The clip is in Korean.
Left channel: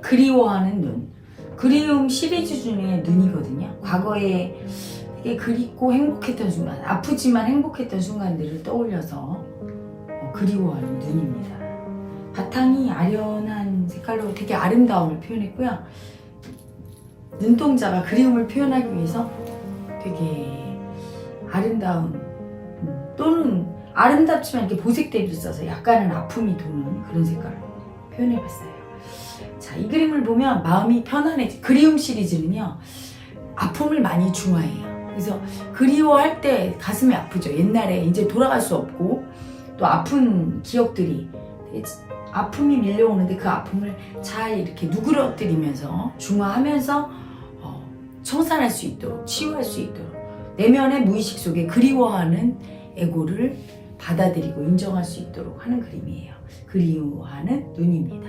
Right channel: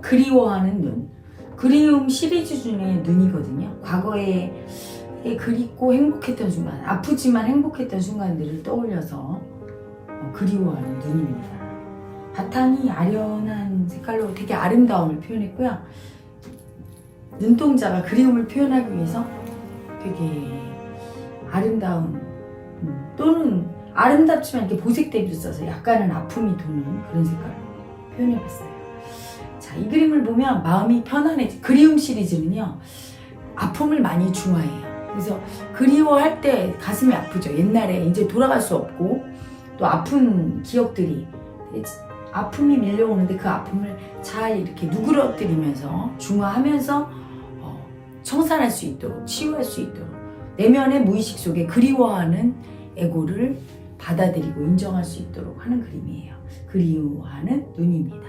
그리워하는 눈. 그리움 시리즈 중에 눈이거든요. 과거에 그립고 행복했던 순간, 아프지만 행복했던 순간들을 떠올려서 어, 그리워하는 눈입니다. 바탕이 아련한 색깔로 되게 아름다움을 표현했고요. 눈동자가 그리움을 표현하기 위해서 되게 아름다운 음, 또는 아름답지만 이렇게 보색 대비를 써서 약간은 아픔이 도는 그런 색깔로 표현해봤어요. 자, 이 그림을 보면 마음이 편안해지. 그리움 시리즈는요, 아픔을 많이 중화해요. 그래서 그리워할 때 가슴이 아프죠. 옛날에 이제 돌아갈 수 없고 또 아픈 기억들이 아픔이 밀려오는데 그 아픔을 잘 이렇게 누그러뜨리면서 중화하면서 어, 청산할 수 있도록 치유할 수 있도록 내면의 무의식 속에 그리워하는 에고를 받아들이고 인정할 수 있도록 하는 그림이에요. 그리워하는 눈입니다.